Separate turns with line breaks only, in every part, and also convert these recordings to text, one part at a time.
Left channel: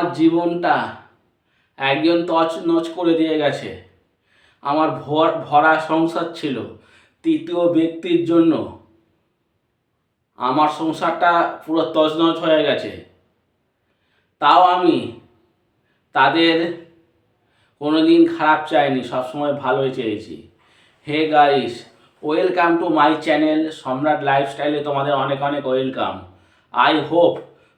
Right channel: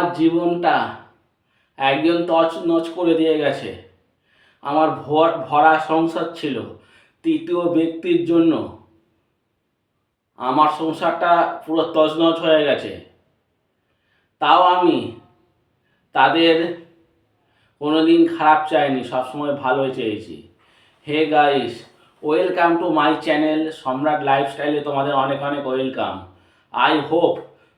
আমার জীবনটা একজন তছ নচ করে দিয়ে গেছে। আমার ভর, ভরা সংসার ছিল। তৃতীয় ব্যক্তির জন্য আমার সংসারটা পুরো তছনছ হয়ে গেছে। তাও আমি তাদের কোনোদিন খারাপ চাইনি, সবসময় ভালোই চেয়েছি। Hey guys, welcome to my channel Samrat লাইফস্টাইলে তোমাদের অনেক অনেক ওয়েলকাম। আই হোপ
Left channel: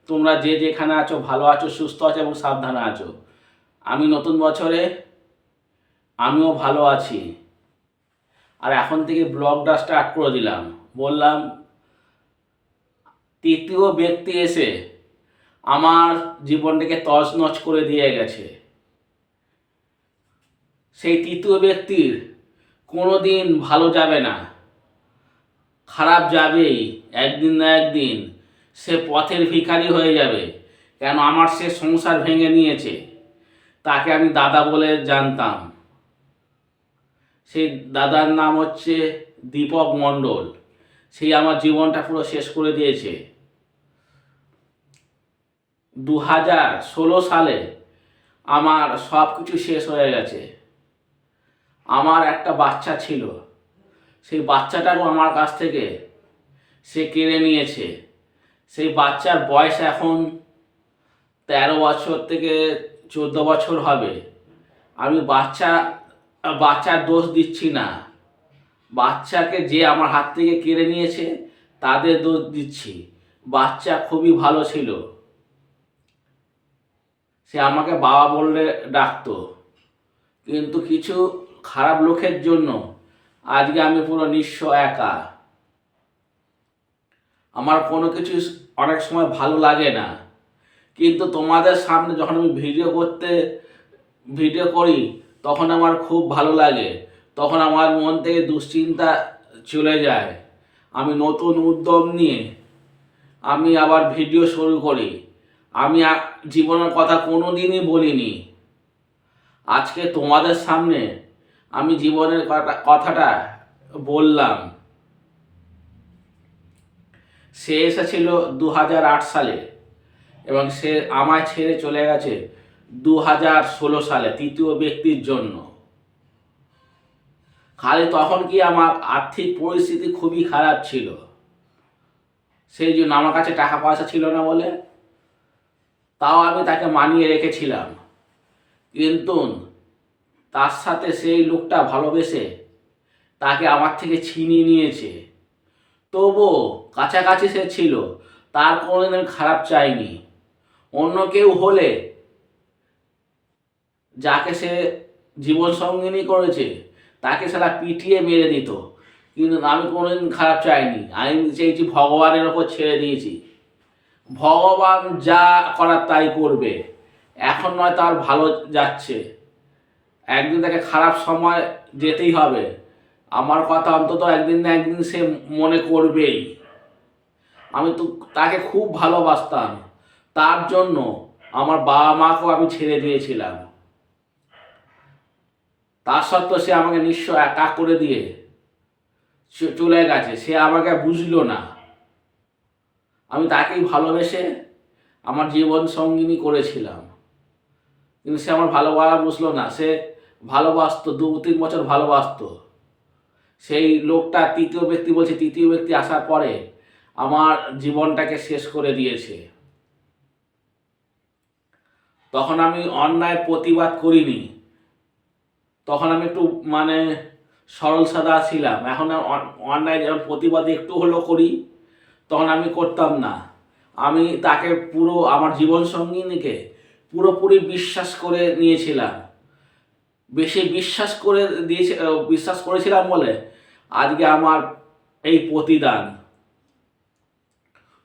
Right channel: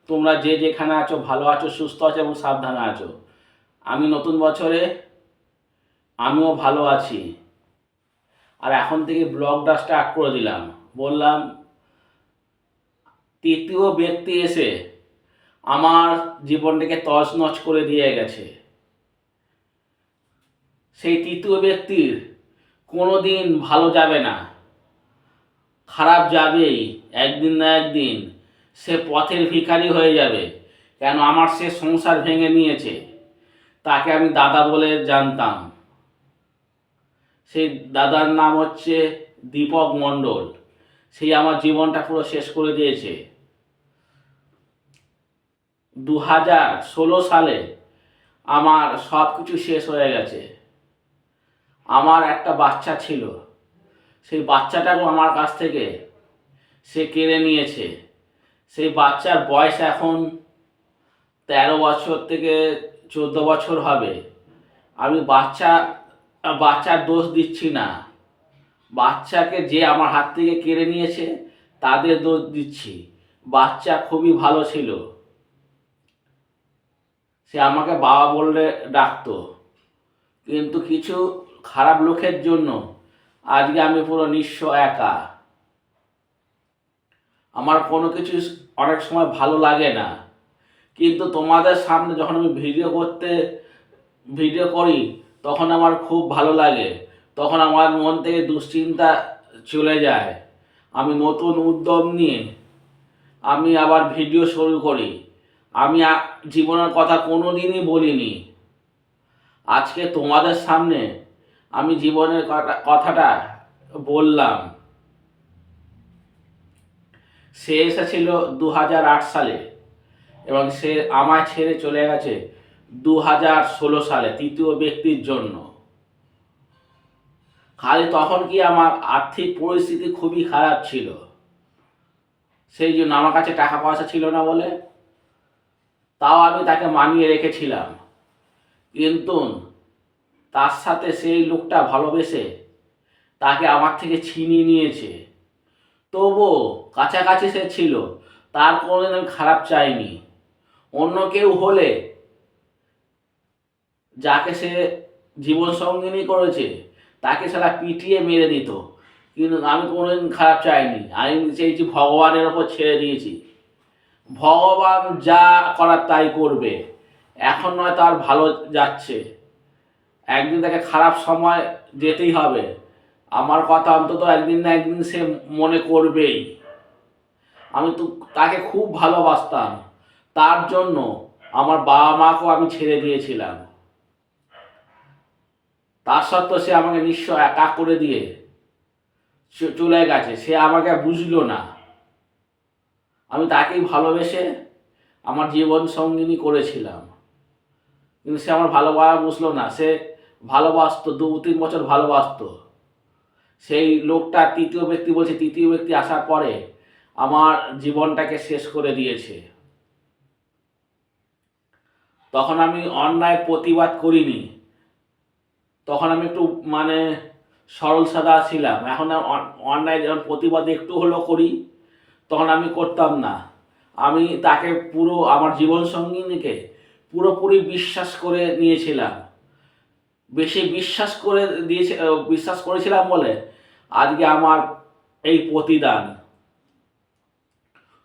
তোমরা যে যেখানে আছো, ভালো আছো, সুস্থ আছো এবং সাবধানে আছো। আমি নতুন বছরে, আমিও ভালো আছি। আর এখন থেকে ব্লগটা স্টার্ট করে দিলাম। বললাম, তৃতীয় ব্যক্তি এসে আমার জীবনটাকে তছনছ করে দিয়ে গেছে। সেই তৃতীয় ব্যক্তির কোনো দিন ভালো যাবে না। খারাপ যাবেই, একদিন না একদিন। সে পথের ভিখারি হয়ে যাবে। কেন আমার সে সংসার ভেঙে নিয়েছে? তাকে আমি দাদা বলে জানতাম। সেই দাদার নাম হচ্ছে দীপক মণ্ডল। সেই আমার জীবনটা পুরো শেষ করে দিয়েছে। দু হাজার ষোলো সালে আমার সব কিছু শেষ হয়ে গেছে। আমার একটা বাচ্চা ছিল। সেই বাচ্চাটাও আমার কাছ থেকে সে কেড়ে নিয়েছে। সেই বাচ্চার বয়স এখন তেরো বছর থেকে চোদ্দ বছর হবে। আমি বাচ্চা, বাচ্চার দোষ দিচ্ছি না। বাচ্চাকে যে আমার হাত থেকে কেড়ে নিয়েছে, তাদের দোষ দিচ্ছি। বাচ্চা খুবই ভালো ছিল। সে আমাকে বাবা বললে ডাকতো। কিন্তু কিছু খারাপ লোকের জন্য আজকে আমি পুরো নিঃস্ব একা। আমার কোনো কিছু অনেক সময় ভালো লাগে না। কিন্তু তোমাদের সামনে যখন আমি ভিডিও করতে, ভিডিও করি, তখন আমার খুব ভালো লাগে। তখন আমার মন থেকে দুশ্চিন্তা চলে যায়। আমি নতুন উদ্যম নিয়ে আমি আবার ভিডিও শুরু করি। আমি জীবনের কথা কোনো দিনই বলিনি। আজকে তোমাদের সামনে আমি জীবনের কথা- কথাটা বললাম। সে এসেছিল দু হাজার আট সালে এবং সে আমায় ছেড়ে চলে গেছে দু হাজার ষোলো সালে, তৃতীয় ব্যক্তির জন্য। খালি তখন কি আমার আর্থিক পরিস্থিতি খুবই খারাপ ছিল? সেই জন্য আমার কাছে টাকা পয়সা ছিল না বলে তাও আমি তাকে মানিয়ে রেখেছিলাম। কিন্তু তার সাথে সেই লোকটা ভালোবেসে তাকে আমার থেকে ছিনিয়ে নিয়েছে। তবুও কাছাকাছি সে ছিল, তার কোনোদিন আমি খারাপ চাইনি অন্য কেউ হলে যাকে সে জীবন সঙ্গিনী করেছে, তাকে সারা পিটিয়ে মেরে দিত। কিন্তু আমি কোনোদিন খারাপ চাইনি। আমি চেয়েছি ভগবানের ওপর ছেড়ে দিয়েছি। ভগবান যা করার তাই করবে। এখন নয় তার ভালো যাচ্ছে। একদিন তাকে খারাপ সময় যেতেই হবে। আমার কথা অন্তত একদিন না একদিন সে মনে করবেই। আমি তো তাকে খুব ভালোবাসতাম। তার জন্য আমার বাবা মাকেও আমি ছেড়ে দিয়েছিলাম। তার সত্ত্বেও সে আমাকে নিঃস্ব একা করে দিয়ে চলে গেছে। সে আমাকে বুঝলো না। আমি তাকেই ভালোবেসে আমার জীবন সঙ্গিনী করেছিলাম। কিন্তু সে আমার ভালোবাসা বুঝলো না। সে ভালোবাসতো দু তিন বছর ভালোবাসতো। সেই লোকটা তৃতীয় ব্যক্তি বলছে, তৃতীয় ব্যক্তি আসার পরে আমার জীবনটাকে শেষ করে দিয়েছে। তখন আমি অন্যায় প্রতিবাদ করিনি। তখন আমি একটু মানে সরল সাদা ছিলাম। এখন অন্যায় যখন প্রতিবাদ একটু হলেও করি, তখন আমি করতাম না। আমি তাকে পুরো আমার জীবন সঙ্গিনীকে পুরোপুরি বিশ্বাস করে নিয়েছিলাম। বেশি বিশ্বাস করে দিয়েছে বিশ্বাস করেছিলাম বলে আজকে আমার এই প্রতিদান।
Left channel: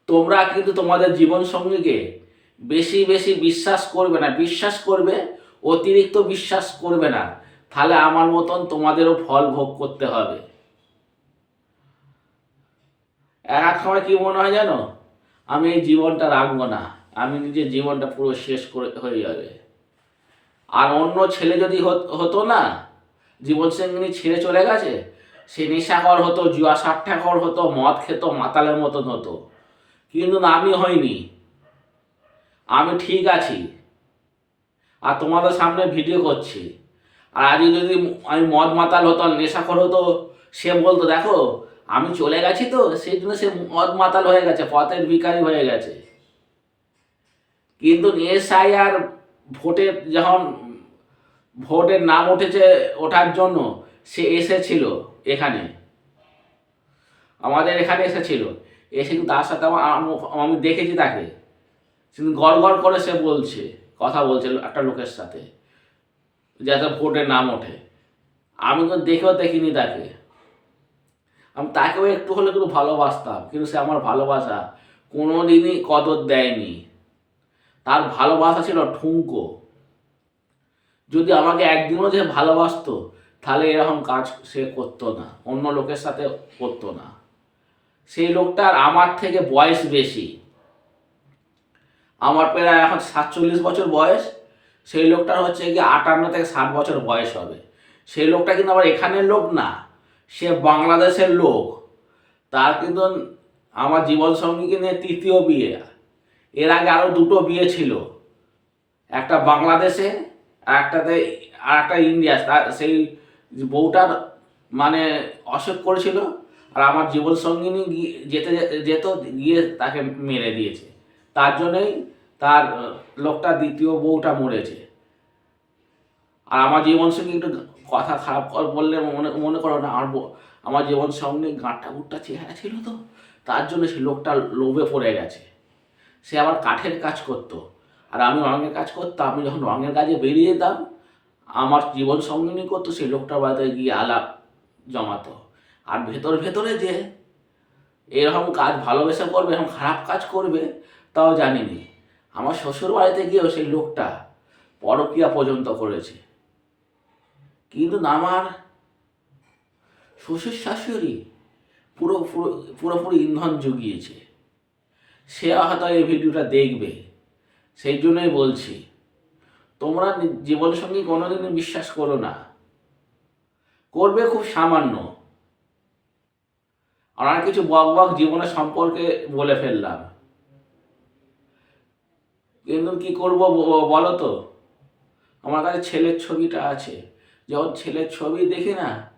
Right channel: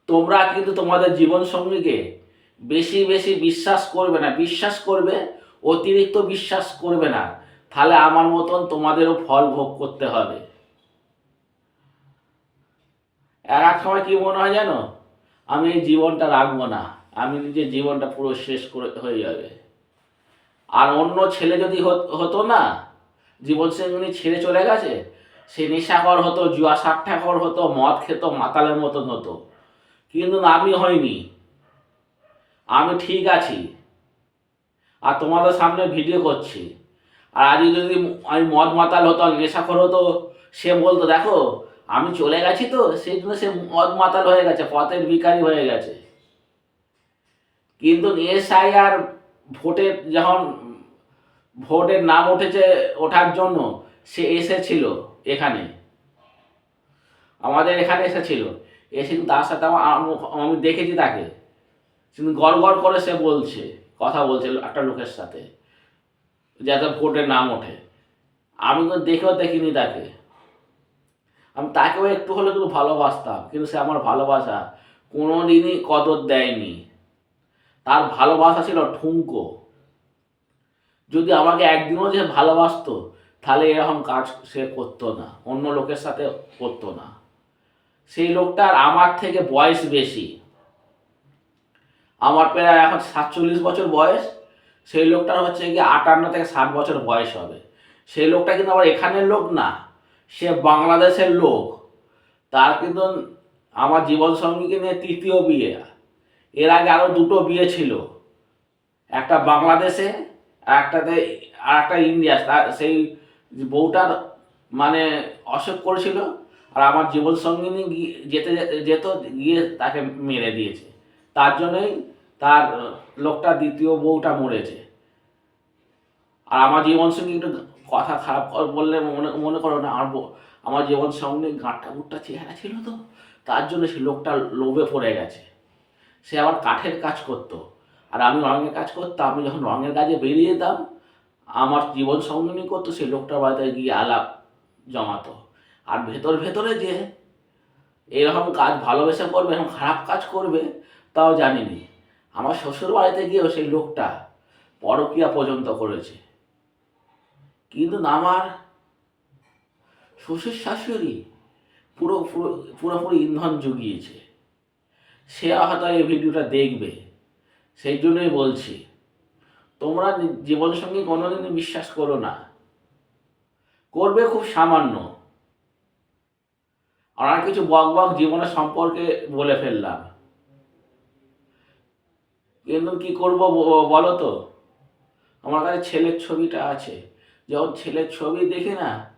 তোমরা কিন্তু তোমাদের জীবন সঙ্গীকে বেশি বেশি বিশ্বাস করবে না। বিশ্বাস করবে, অতিরিক্ত বিশ্বাস করবে না। তাহলে আমার মতন তোমাদেরও ফল ভোগ করতে হবে। এক এক সময় কি মনে হয় জানো? আমি এই জীবনটা রাখব না। আমি নিজের জীবনটা পুরো শেষ করে হয়ে যাবে। আর অন্য ছেলে যদি হত- না জীবন সঙ্গিনী ছেড়ে চলে গেছে সে নেশাকর হতো, জুয়া সাট্টাকর হতো, মদ খেত, মাতালের মতন হতো। কিন্তু আমি হইনি। আমি ঠিক আছি। আর তোমাদের সামনে ভিডিও করছি। আর আজকে যদি আমি মদ মাতাল হতাম নেশাখর হতো, সে বলতো, দেখো, আমি চলে গেছি তো, সেই জন্য সে মদ মাতাল হয়ে গেছে, পথের ভিখারি হয়ে গেছে। কিন্তু এসআই আর ভোটের যখন ভোটের নাম উঠেছে ওঠার জন্য, সে এসেছিল। এখানে। আমাদের এখানে এসেছিল। এসে কিন্তু তার সাথে আমি দেখেছি তাকে। কিন্তু গড় গড় করে সে বলছে, কথা বলছে একটা লোকের সাথে, যাতে ভোটে নাম ওঠে। আমি তো দেখেও দেখিনি তাকে। আমি তাকেও একটু হলে কিন্তু ভালোবাসতাম, কিন্তু সে আমার ভালোবাসা কোনো দিনই কদর দেয়নি। তার ভালোবাসা ছিল ঠুঙ্কো যদি আমাকে একদিনও যে ভালোবাসতো তাহলে এরকম কাজ সে করতো না, অন্য লোকের সাথে করতো না। সেই লোকটার আমার থেকে বয়স বেশি। আমার প্রায় এখন সাতচল্লিশ বছর বয়স, সেই লোকটার হচ্ছে গিয়ে আটান্ন থেকে ষাট বছর বয়স হবে। সেই লোকটা কিন্তু আবার এখানের লোক না, সে বাংলাদেশের লোক। তার কিন্তু আমার জীবনসঙ্গীকে নিয়ে তৃতীয় বিয়ে। এর আগে আরও দুটো বিয়ে ছিল। একটা বাংলাদেশে আর একটাতে, আর একটা ইন্ডিয়া সেই বউটার মানে অসুখ করেছিল আর আমার জীবন সঙ্গিনী গিয়ে যেতে যেতে- গিয়ে তাকে মেরে দিয়েছে। তার জন্যই তার লোকটা দ্বিতীয় বউটা মরেছে। আর আমার জীবন সঙ্গী একটু কথা খারাপ বললে মনে মনে করো না, আমার আমার জীবন সঙ্গে গাঁটটা গুটটা চেহারা ছিল তো, তার জন্য সে লোকটা লোভে পড়ে গেছে। সে আবার কাঠের কাজ করতো। আর আমি রঙের কাজ করতাম, আমি যখন রঙের কাজে বেরিয়ে যেতাম আমার জীবন সঙ্গিনী করতো, সেই লোকটার বাড়িতে গিয়ে আলাপ জমাতো। আর ভেতর ভেতরে যে এরকম কাজ ভালোবেসে করবে, এরকম খারাপ কাজ করবে, তাও জানিনি। আমার শ্বশুর বাড়িতে গিয়েও সেই লোকটা পরকিয়া পর্যন্ত করেছে। কিন্তু আমার শ্বশুর শাশুড়ি পুরো পুরো পুরোপুরি ইন্ধন জুগিয়েছে। সে হয়তো এই ভিডিওটা দেখবে। সেই জন্যই বলছি। তোমরা জীবনসঙ্গী কোনোদিনই বিশ্বাস করো না। করবে খুব সামান্য। আর কিছু বক বক জীবনের সম্পর্কে বলে ফেললাম। কিন্তু কি করব বলো তো? আমার কাছে ছেলের ছবিটা আছে। যখন ছেলের ছবি দেখি না,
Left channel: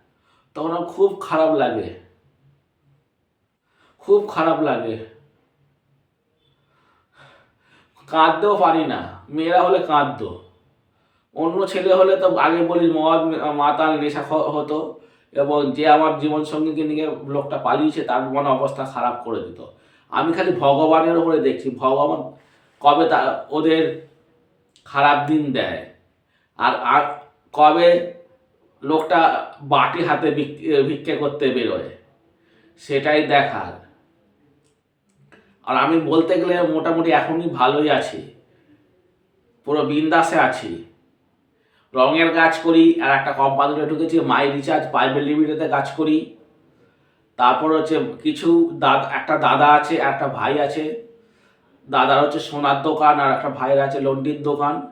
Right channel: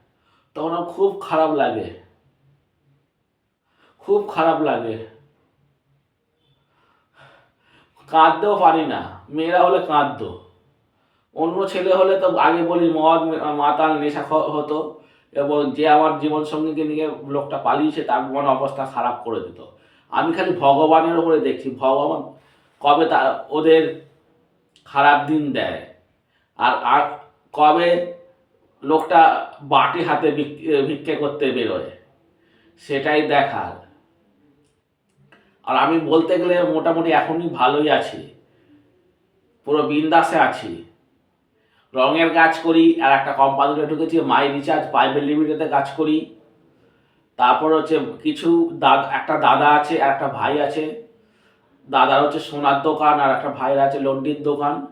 তখন খুব খারাপ লাগে। খুব খারাপ লাগে। কাঁদতেও পারি না। মেয়েরা হলে কাঁদতো। অন্য ছেলে হলে তো আগে বলি মদ মাতাল নেশা হতো এবং যে আমার জীবন সঙ্গীকে নিয়ে লোকটা পালিয়েছে, তার মনে অবস্থা খারাপ করে দিত। আমি খালি ভগবানের উপরে দেখছি, ভগবান কবে তা, ওদের খারাপ দিন দেয়। আর আর কবে লোকটা বাটি হাতে ভিক- ভিক্ষে করতে বেরোয়, সেটাই দেখার। আর আমি বলতে গেলে মোটামুটি এখনই ভালোই আছি, পুরো বিন্দাসে আছি। রঙের কাজ করি, আর একটা কোম্পানিতে ঢুকেছি, মাই রিচার্জ প্রাইভেট লিমিটেডে কাজ করি। তারপর হচ্ছে কিছু দাদা, একটা দাদা আছে, আর একটা ভাই আছে। দাদার হচ্ছে সোনার দোকান, আর একটা ভাইয়ের আছে লন্ডির দোকান।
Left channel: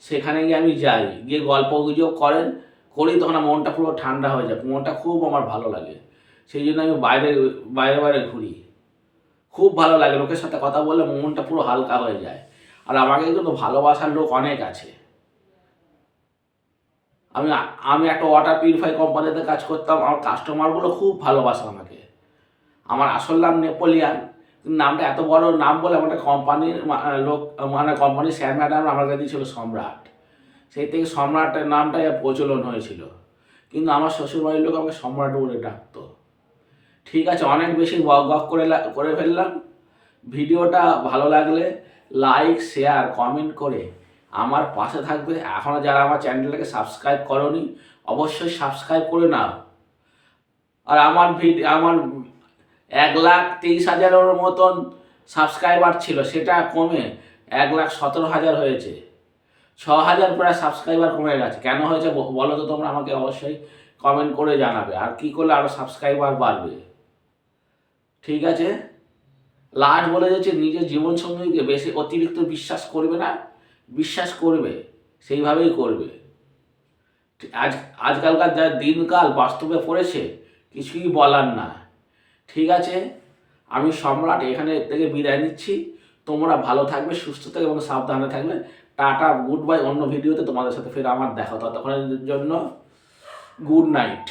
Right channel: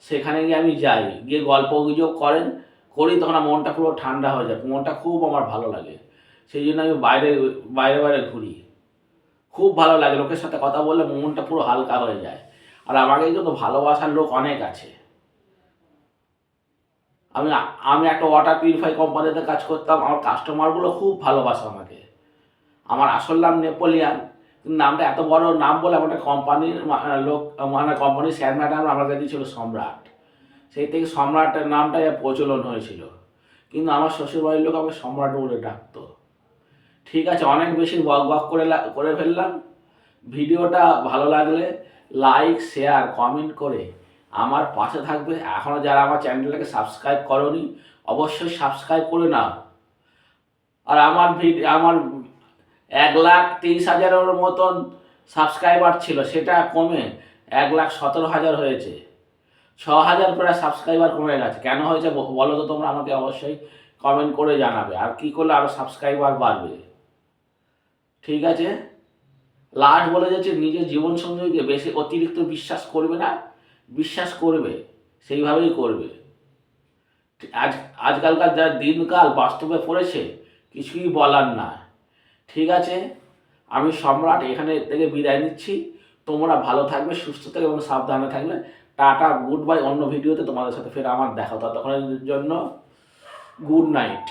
সেখানে গিয়ে আমি যাই, গিয়ে গল্প গুজব করেন, করি, তখন আমার মনটা পুরো ঠান্ডা হয়ে যায়। মনটা খুব আমার ভালো লাগে। সেই জন্য আমি বাইরে বাইরে বাইরে ঘুরি। খুব ভালো লাগে, লোকের সাথে কথা বললে মনটা পুরো হালকা হয়ে যায়। আর আমাকে কিন্তু ভালোবাসার লোক অনেক আছে। আমি আমি একটা ওয়াটার পিউরিফাই কোম্পানিতে কাজ করতাম, আমার কাস্টমারগুলো খুব ভালোবাসে আমাকে। আমার আসল নাম নেপোলিয়ান নামটা এত বড় নাম বলে আমার কোম্পানির লোক মানে কোম্পানির শেয়ার ম্যাডাম আমাকে দিয়েছিল সম্রাট। সেই থেকে সম্রাটের নামটাই প্রচলন হয়েছিল। কিন্তু আমার শ্বশুরবাড়ির লোক আমাকে সম্রাট বলে ডাকতো। ঠিক আছে, অনেক বেশি বক বক করে করে ফেললাম। ভিডিওটা ভালো লাগলে লাইক শেয়ার কমেন্ট করে আমার পাশে থাকবে। এখনও যারা আমার চ্যানেলটাকে সাবস্ক্রাইব করনি, অবশ্যই সাবস্ক্রাইব করে নাও। আর আমার ভিডিও আমার এক লাখ তেইশ হাজারের মতন সাবস্ক্রাইবার ছিল, সেটা কমে এক লাখ সতেরো হাজার হয়েছে। ছ হাজার প্রায় সাবস্ক্রাইবার কমে গেছে। কেন হয়েছে বলো তো তোমরা আমাকে অবশ্যই কমেন্ট করে জানাবে। আর কি করলে আরও সাবস্ক্রাইবার বাড়বে? ঠিক আছে? লাস্ট বলে যাচ্ছে নিজের জীবনসঙ্গীকে বেশি অতিরিক্ত বিশ্বাস করবে না। বিশ্বাস করবে, সেইভাবেই করবে। আজ, আজকালকার যা দিনকাল বাস্তবে পড়েছে, কিছুই বলার না। ঠিক আছে? আমি সম্রাট এখানে থেকে বিদায় নিচ্ছি। তোমরা ভালো থাকবে, সুস্থ থাকবে এবং সাবধানে থাকবে। Tata, good bye. অন্য ভিডিওতে তোমাদের সাথে ফের আমার দেখা ততক্ষণের জন্য, গুড নাইট।